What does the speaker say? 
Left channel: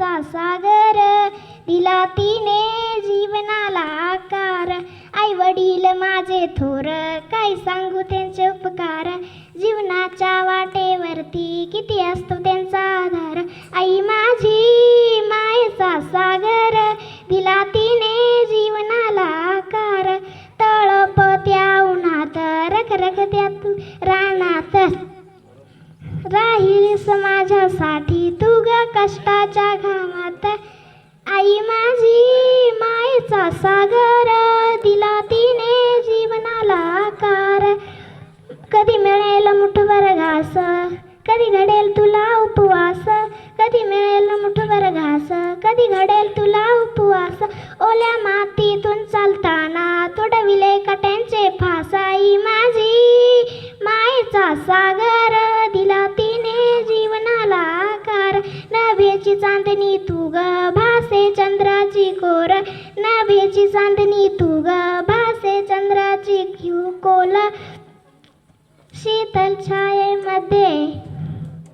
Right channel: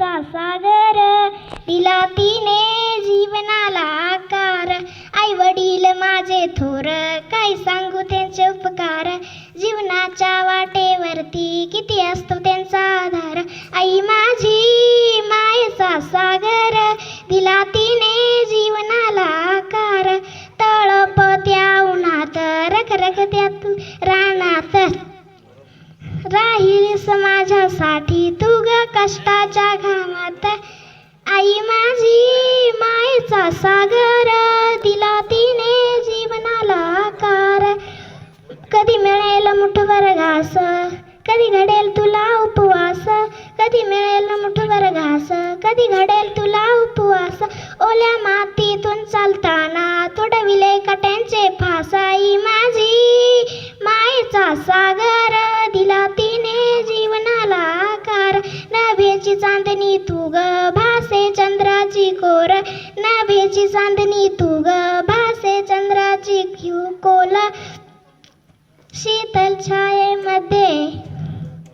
मायेचा सागर दिला तिने जीवनाला आकार. आई वडील माझे थोर काय सांगू त्यांचे उपकार? जीवनाच्या वाटेवरती किती असतो त्यांचा आधार? आई माझी मायेचा सागर दिला तिने जीवनाला आकार. तळप त्या उन्हात रखरखत्यात रानात. राहील माझ्यासाठी तू ग कष्टा आई माझी मायेचा सागर दिला तिने जीवनाला आकार. कधी मिळेल मुठभर घास कधी घडेल तुला उपवास. कधी मिळेल मुठभर घास कधी घडेल तुला उपवास. ओल्या मातीतून चालताना तोडविले कट्यांचे फास. आई माझी मायेचा सागर दिला तिने जीवनाला आकार. नभेची चांदणी तू ग भा नभेची चांदणी तू ग भासे चंद्राची क्यू कोला. शीतल छायेमध्ये